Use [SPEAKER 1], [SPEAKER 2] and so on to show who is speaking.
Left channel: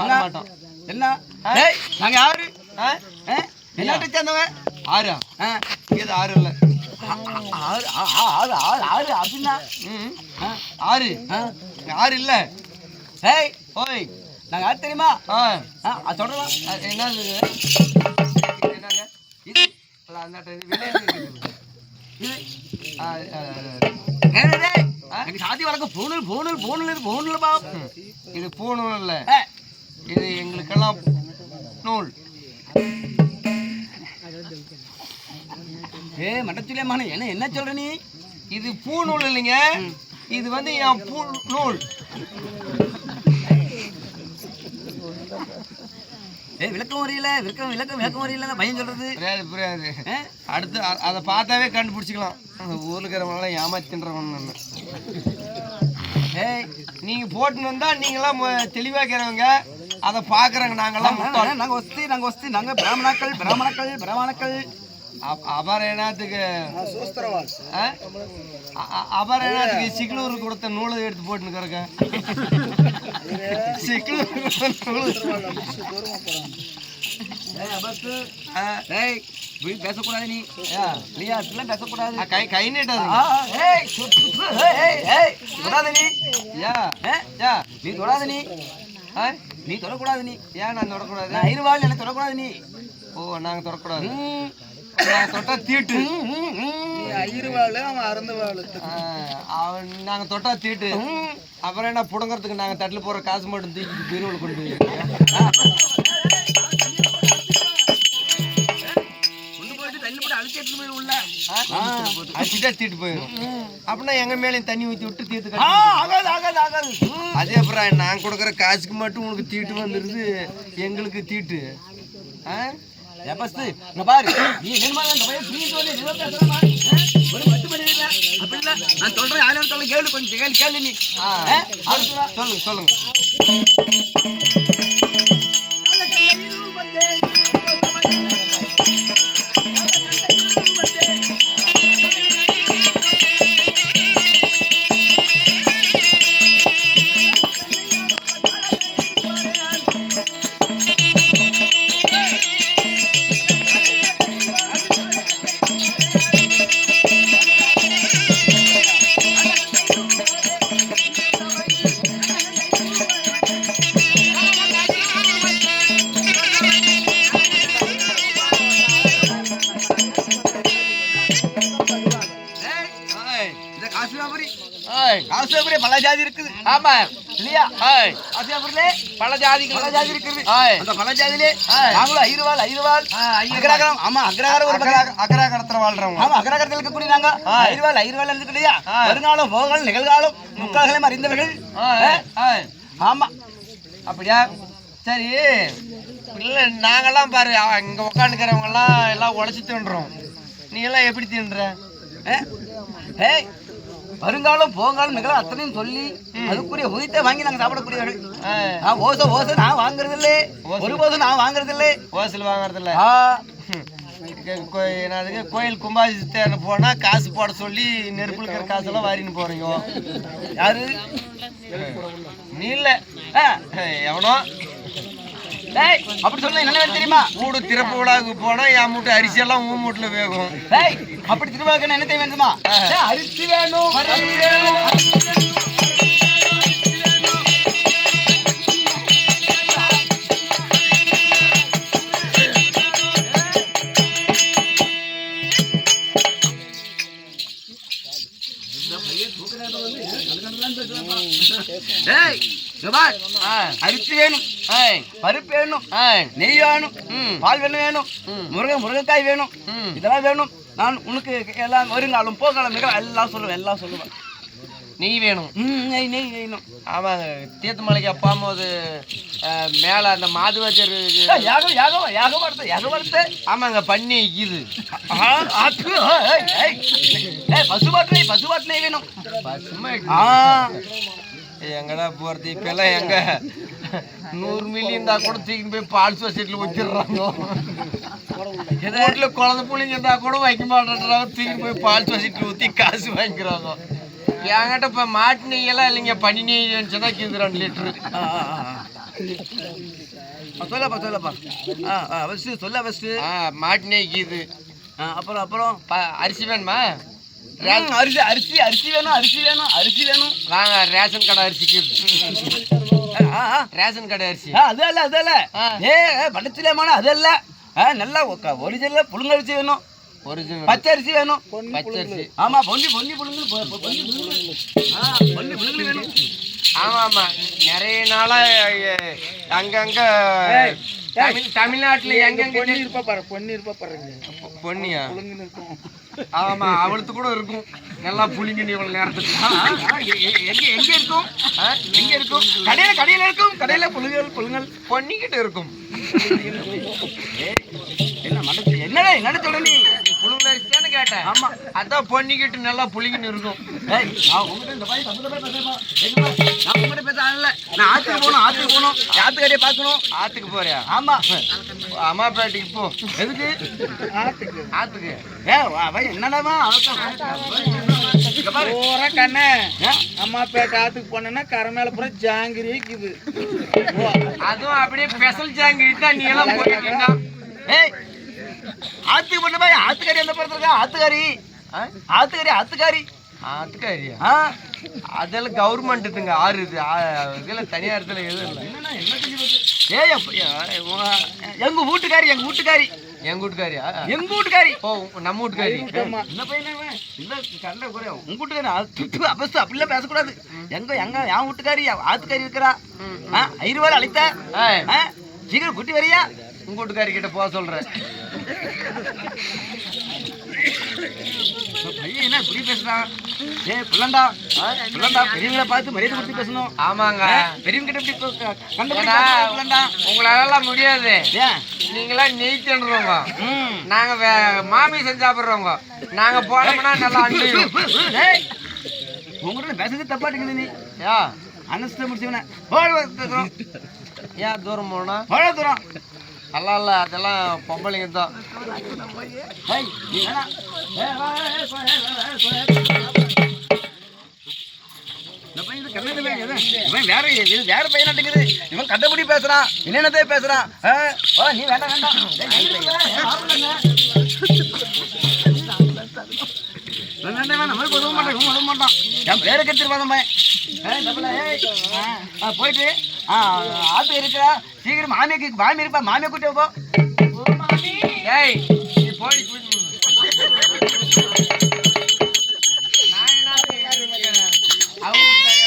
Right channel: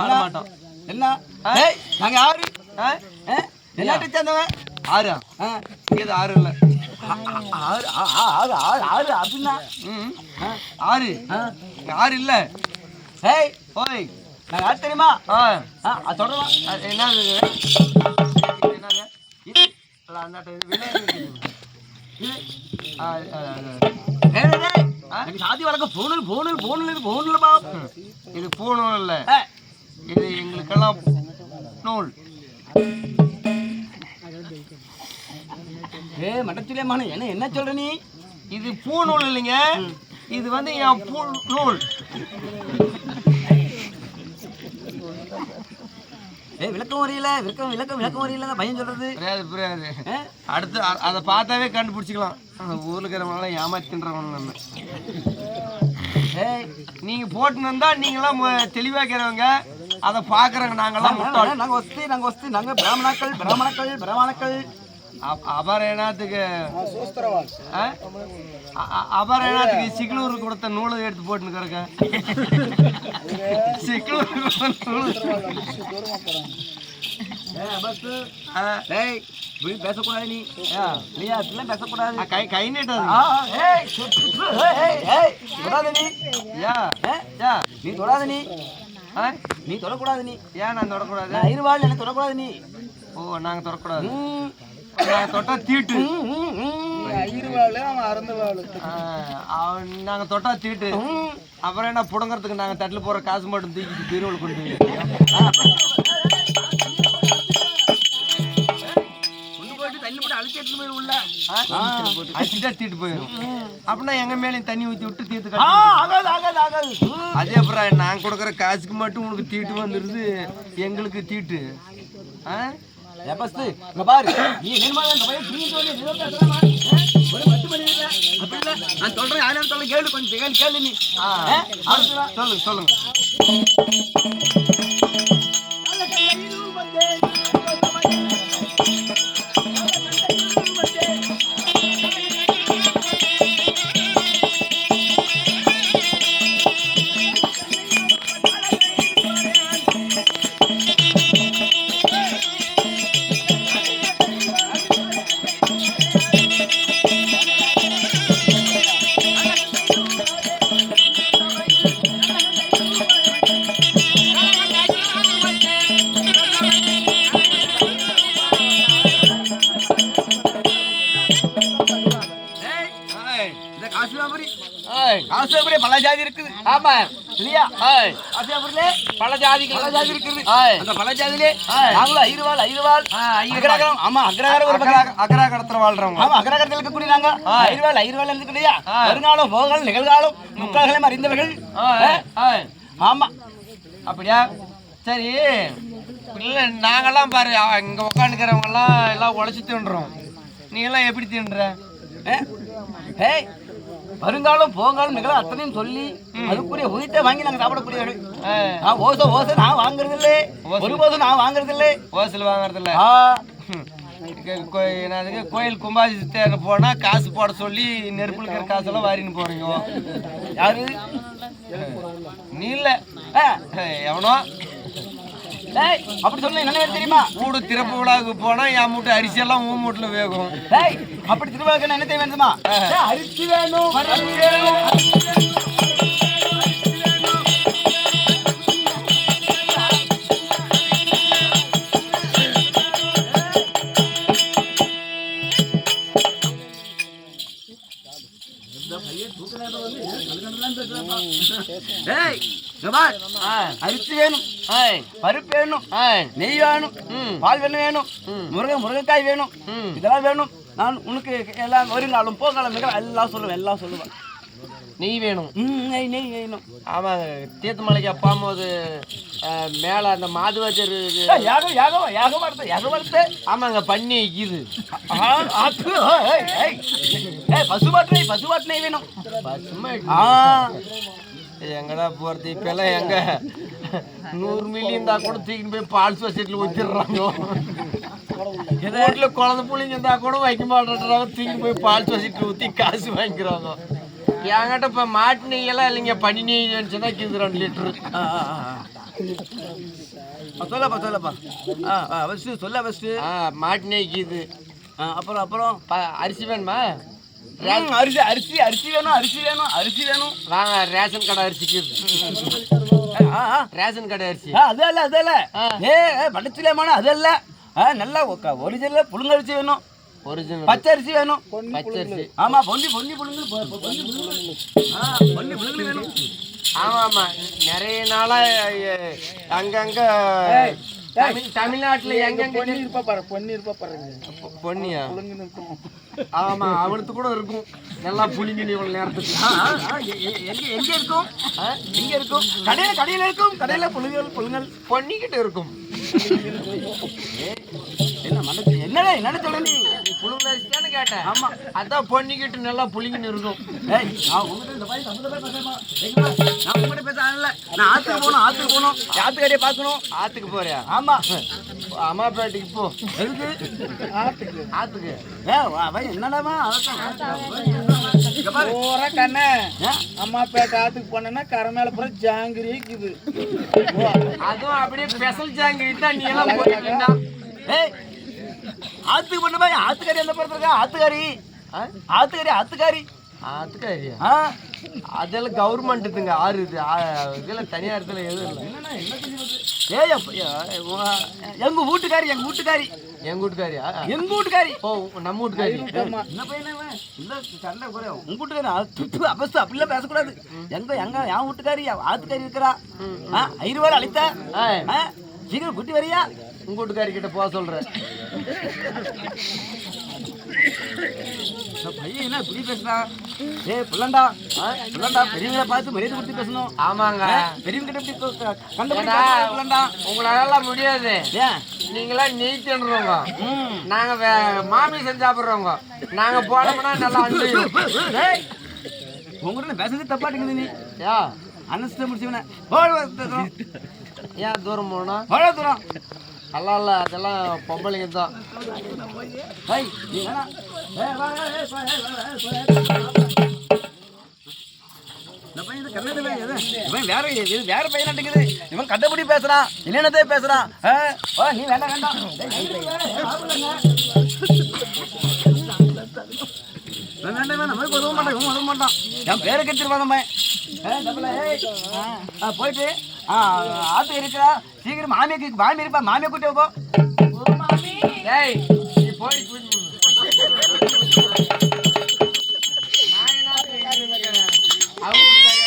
[SPEAKER 1] பாட மாட்டோம்.
[SPEAKER 2] என்ன? டேய் நாங்க யாரு? என்னத்தை சேர்ந்தவங்க
[SPEAKER 1] ஆறா. இது ஆறு இல்ல?
[SPEAKER 2] ஆறு ஆ- ஆ- ஆறு ஆறு ஆறு அப்படின்னா?
[SPEAKER 1] ஆறு. ஆறு இல்ல.
[SPEAKER 2] டேய்
[SPEAKER 1] ஓய்
[SPEAKER 2] நாங்க யார் தெரியுமா?
[SPEAKER 1] ஆ என்னது இது? என்னங்க இது? அந்தாட்ட இது
[SPEAKER 2] சாதி வழக்கம். போனல் போனல் போனல் இது போனல் பா
[SPEAKER 1] இது பூணும் இல்ல. இது எங்களுக்கெல்லாம் நூல்.
[SPEAKER 2] ஏ மட்டத்திலே மகனே என்ன என்ன சொல்ற நீ?
[SPEAKER 1] இது பூநூல் இல்லைங்க. இது வந்து என் பூ நூல்.
[SPEAKER 2] ஏ விளக்கம் வரையில விளக்கம் விளக்கம் விளக்கம் வரையில பையன் சொல்றது.
[SPEAKER 1] புரியாது புரியாது? அடுத்து அதை பார்த்தாவே கண்டுபிடிச்சிக்கலாம். அந்த ஊர்ல இருக்கிறவங்களாம் ஏமாத்தின்றவங்க நம்ம.
[SPEAKER 2] ஏய்
[SPEAKER 1] நீங்க போட்டுன்னு வந்தா நீங்களாம் மு- தெளிவா இருக்கிறவங்க அதை பாக்குறவங்க நாங்கெல்லாம் முட்டாள்.
[SPEAKER 2] நாங்க வஸ்தி நாங்க வஸ்தி நாங்க பிராமணாக்கள் பிராமணக்கள் பிராமணக்கள்
[SPEAKER 1] அப்- அபர என்னத்துக்கு? ஆ? அ- அ- அபர என்னத்துக்கு சிக்லூர் கொடுத்த நூலை எடுத்து போட்டுன்னு சிக்லூர் கொடுத்த நூல்.
[SPEAKER 2] போய் பேசக்கூடாது நீ.
[SPEAKER 1] ஆ.
[SPEAKER 2] இல்லையா அப்படிலாம் பேசக்கூடாது.
[SPEAKER 1] கை கை
[SPEAKER 2] தொடாத நீ.
[SPEAKER 1] யா
[SPEAKER 2] ஏ,
[SPEAKER 1] யா.
[SPEAKER 2] நீ தொடாத நீ.
[SPEAKER 1] ஆ?
[SPEAKER 2] நீ தொடக்கூடாது நீ.
[SPEAKER 1] ஏன் நான் தொடக்கூடாது.
[SPEAKER 2] நான் இருவாள் எனக்கு தொடக்கூடாது நீ?
[SPEAKER 1] ஓ நாங்க தொடக்கூடாது. தொட்டா தீட்டு.
[SPEAKER 2] ம், ம், ம்.
[SPEAKER 1] ஆ, அவன் நாங்க தொட்டா தீட்டு. அப்புறம் என்ன புடங்கறதுக்கு நாங்க தட்டுல போற காசு மட்டும் தூக்கி பீரோவில் கொண்டு போய்
[SPEAKER 2] எடுத்துட்டு போயிரு உள்ள
[SPEAKER 1] அடிச்சுட்டா தீட்டு போயிடும் அப்படின்னா எங்க மேலேயும் தண்ணி ஊத்தி விட்டு தீர்த்து
[SPEAKER 2] ஆகாது ஆகாது ஆகாது.
[SPEAKER 1] அதே அப்புறம் நான் கொடுக்குற காசுக்கு மட்டும் உனக்கு தீட்டு வந்துருது எங்களுக்கு தீட்டு ஆ?
[SPEAKER 2] ஏ, பஸ்து, இங்க பாரு நீ என்னமா அந்த பையன் சொல்லி நீ தான் பேசுறமா? ஆ? ஒரு பத்து மணி இல்ல அப்படி இல்ல நான் சொல்றேன் யாரும் சொல்ல கேளு கொஞ்சம் கேளு கேளு நீ.
[SPEAKER 1] சொல்லுங்க சொல்லுங்க
[SPEAKER 2] காசியாபுரி பல ஜாதி இருக்குது.
[SPEAKER 1] ஆமா.
[SPEAKER 2] இல்லையா? காசியாபுரிலே
[SPEAKER 1] பல ஜாதிகள்
[SPEAKER 2] பல ஜாதி இருக்குது. அந்த பல ஜாதியிலே. நாங்களும் ஐருவாள் ஐருவாள். அக்ரகாரம் ஆமா அக்ரகாரம் ஒரு பக்கம்.
[SPEAKER 1] கடத்துல வாழ்றவங்க.
[SPEAKER 2] ஆமா அக்ரகாரத்தில் இருக்கக்கூடிய நாங்க. ஐருவாள் ஐருவாள் இருக்கு இல்லையா. வருங்காலம் போகல் நிகழ்காலம் முக்கால்களையும் அறிந்தவர்கள். ஆமா.
[SPEAKER 1] அப்படியா? சரி. இல்லை நாங்கெல்லாம் பாரு இங்க உட்காந்துக்கிறவங்க எல்லாம் எல்லாம் உழைச்சி தின்றோம். நீ எல்லாம் எப்படி தின்ற?
[SPEAKER 2] ஏ? ஏய் வருங்காலம் போங்காலம் நிகழ அத்தனையும் சொல்லி அதுக்குரிய உயிர்த்தை வாங்கி நாங்க சாப்பிடக்கூடியவர்கள். ஆ, ஓசை ஓசை நான் வாங்குறது இல்லை ஒருபோதும் நான் வாங்குறது இல்லை
[SPEAKER 1] ஓசல் வாங்குறதில்ல.
[SPEAKER 2] ஆ.
[SPEAKER 1] என்னதுக்கு கோயில் கும்பாபிஷேகத்தை போனா காசு போட சொல்லி நெருப்புல இருக்கிற காசெல்லாம் வாரின்னு போறீங்க.
[SPEAKER 2] யாரு?
[SPEAKER 1] நீ இல்ல. எவனோ?
[SPEAKER 2] ஏய். அப்படி சொன்னா என்ன தெரியுமா?
[SPEAKER 1] வீடு திறப்பு விழாவுக்கு போனா என் மூட்டை அரிசி எல்லாம் உன் மூட்டில் வேகும்.
[SPEAKER 2] ஏய் அப்படி திருவிழாக்கு என்ன வேணும். அரிசி வேணும். பார். அரிசி வேணும். பருப்பு வேணும். நெய் வேணும். பால் வேணும் வேணும். முருங்கை முருங்கைக்காய் வேணும். இதெல்லாம் வேணும். நான் உனக்கு எல்லாம் வருங்காலம் போகாலம் எல்லாம் சொல்லுவேன் எல்லாம் சொல்லுவேன்.
[SPEAKER 1] நெய் வேணும்.
[SPEAKER 2] நெய் நெய் வேணும்.
[SPEAKER 1] ஆமாங்க தீர்த்தமலைக்கு அப்பாம்போது மேலே அந்த மாதுவாச்சர்
[SPEAKER 2] யாகம் யாகம் யாகம் வார்த்தை யாகம் வார்த்தை
[SPEAKER 1] ஆமாங்க பண்ணி இது.
[SPEAKER 2] பசுபாட்டு நெய் பசுபாட்டு நெய் வேணும்.
[SPEAKER 1] பசுமை
[SPEAKER 2] ஆ.
[SPEAKER 1] எங்கடா போறது? இப்பெல்லாம் எங்க? நூறு மில்லி இருந்தா கூட தூக்கின்னு போய் பால் சொசைட்டியில் வச்சிடுறாங்க வீட்டில் குழந்தை பிள்ளைங்க இருந்தா கூட வைக்க மாட்டேன்றாங்க. தூக்கின்னு போய் பால் சொசைட்டியில் ஊற்றி காசு வாங்கிக்கிறாங்க. என்கிட்ட இப்போ மாட்டு நெய்யெல்லாம் இல்லைங்க. பனி நெய் இருந்துச்சுன்னா கிது ரெண்டு.
[SPEAKER 2] ஆ, சொல்லப்பா சொல்லப்பா. ஆ ஆ ஃபஸ்ட்டு சொல்ல ஃபஸ்ட்டு
[SPEAKER 3] ஆ மாட்டினைக்கு இது
[SPEAKER 2] ஆ அப்புறம் அப்புறம்?
[SPEAKER 3] ப- அரிசி வேணுமா?
[SPEAKER 2] அரிசி அரிசி அரிசி வேணும் அரிசி வேணும் அரிசி வேணும்.
[SPEAKER 3] வாங்க ரேஷன் கடை அரிசிக்கு. இது.
[SPEAKER 2] ஆ ஆ.
[SPEAKER 3] ரேஷன் கடை அரிசி.
[SPEAKER 2] ஆ, அது இல்ல அது இல்ல.
[SPEAKER 3] ஆ.
[SPEAKER 2] ஏ படச்சிலேமான அது இல்ல. ஆ, நல்லா ஒரிஜினல் புழுங்கரிசி வேணும்.
[SPEAKER 3] ஒரிஜினல்
[SPEAKER 2] பச்சை அரிசி வேணும்.
[SPEAKER 3] பச்சரிசி
[SPEAKER 2] ஆமா பொன்னி பொன்னி புழுங்கு பொன்னி புழுங்கு ஆ பொன்னி புழுங்கு வேணும்.
[SPEAKER 3] ஆமா ஆமா. நிறைய நாளா அங்கங்க தமிழ் தமிழ்நாட்டுல எங்கெங்க
[SPEAKER 4] இருப்பா பாரு பொண்ணு இருப்பா பாருங்க.
[SPEAKER 3] பொ- பொன்னியா
[SPEAKER 4] புழுங்குன்னு இருக்கும்.
[SPEAKER 3] ஆமா அவளுக்கு கூட இருக்கும். நல்லா புளிங்க நீ இவ்வளவு நேரத்துக்கு.
[SPEAKER 2] எங்க எங்க இருக்கும்? எங்க இருக்கும். கடையில கடையில இருக்கும். கடையில புழுங்கல் புழுங்கல்
[SPEAKER 3] பொன்னிக்கிட்ட இருக்கும்
[SPEAKER 2] என்னடா என்னடா சொல்ற நீ?
[SPEAKER 3] நீ புழுங்கல் அரிசி தானே கேட்டேன்
[SPEAKER 2] ஆமா.
[SPEAKER 3] அதான் பொன்னிக்கிட்டு நல்லா புளிங்கன்னு இருக்கும்.
[SPEAKER 2] ஏய் நான் உங்ககிட்ட இந்த சம்மந்த மாதிரி பேசுறேன் எங்கம்மா? நான் உங்ககிட்ட பேச ஆளல நான் ஆத்துக்கு போகணும் ஆத்துக்கு போகணும். ஆத்துக்கடையை பார்க்கணும்.
[SPEAKER 3] ஆத்துக்கு போறியா?
[SPEAKER 2] ஆமா.
[SPEAKER 3] அம்மாப்பேட்டைக்கு போ.
[SPEAKER 2] எதுக்கு?
[SPEAKER 4] ஆத்துக்கு.
[SPEAKER 3] ஆத்துக்கு.
[SPEAKER 2] ஏ அவன் என்னடாமா?
[SPEAKER 4] பூரா. கண்ணே. அம்மா பேட்டை ஆத்துக்கு போனேன்னா கரை மேல பூரா ஜாங்கிரி இருக்குது.
[SPEAKER 3] அதுவும் அப்படியே ஸ்பெஷல் ஜாங்கிரி தான் நீ எல்லாம் போயிட்டு.
[SPEAKER 2] ஏய் ஆத்துக்கு பண்ண மாதிரி ஆத்துக்காரி எந்த படத்துல ஆத்துக்காரி
[SPEAKER 3] ஆ?
[SPEAKER 2] ஆத்துக்காரி ஆத்துக்காரி
[SPEAKER 3] ஆத்துக்காரியா
[SPEAKER 2] ஆ?
[SPEAKER 3] அதெல்லாம் கவர்மெண்ட்டுங்க ஆறு இது. இதெல்லாம் தனியாரத்துல எதுவும் இல்லை.
[SPEAKER 2] என்னண்ணா என்ன செஞ்சு போச்சு? ஏய் அப்ப- ஏ, உங்க- எங்க வீட்டுக்காரி எங்க வீட்டுக்காரி.
[SPEAKER 3] எங்க வீட்டுக்காரியா?
[SPEAKER 2] எங்க வீட்டுக்காரி.
[SPEAKER 3] ஓ நம்ம வீட்டுக்காரி.
[SPEAKER 2] என்ன பையனே? இல்ல கண்ட குறையா உங்க வீட்டுக்காரி துட்டு அபஸ்து அப்படிலாம் பேசக்கூடாது. எங்க எங்க என் வீட்டுக்காரி ஆத்துக்காரி இருக்கிறா. ஐநூறு ரூபாய் ஆ, சீக்கிரம் குட்டி வரியா?
[SPEAKER 3] உங்க வீட்டுக்காரி கிட்ட போக சொல்றேன்.
[SPEAKER 2] பையன் என்ன இப்படி பேசுறான் ஏய் பிள்ளண்டா. பிள்ளண்டா பெரியவங்களை பார்த்து மரியாதை கொடுத்து பேசணும்.
[SPEAKER 3] ஆமாங்க.
[SPEAKER 2] பெரியவங்க கிட்ட இப்படி க- க- கண்டபடி
[SPEAKER 3] ஏன்னா,
[SPEAKER 2] பேசக்கூடாது, பிள்ளண்டா.
[SPEAKER 3] உங்களால முடியாது.
[SPEAKER 2] ஏன்?
[SPEAKER 3] நீங்களா நெய் தின்றவங்க
[SPEAKER 2] ம்.
[SPEAKER 3] நாங்க வே- மாமிசம் சாப்பிடுறவங்க. நாங்க போனோம்னா நல்லா அன்பு
[SPEAKER 2] ஏய் உங்ககிட்ட பேசுறது தப்பாட்டுக்குது நீ.
[SPEAKER 3] யா
[SPEAKER 2] அனஸ்த முடிச்சவன.
[SPEAKER 3] ஏன் தூரம் போனா
[SPEAKER 2] தூரம்?
[SPEAKER 3] நல்லா இல்ல அதெல்லாம் பொம்பளைங்க தான்.
[SPEAKER 2] இந்த பையன் இது இவன் வேற இது வேற பையனாட்டுக்குது இவன் கண்டபடி பேசுறான் என்னென்னதே பேசுறான் ஆ, நீ வேண்டாம் வேண்டாம் வேண்டாம், வேண்டாம், வேண்டாம். உதவ மாட்டான் இவன் உதவ மாட்டான். என் பேரை கெடுத்துருவான் பையன் போயிட்டு. ஆத்து இருக்கிறா. சீக்கிரம் மாமியாக்கு மாமி இருப்பா. மாமியை கூட்டி போ.
[SPEAKER 3] ஏய் நீ போய்.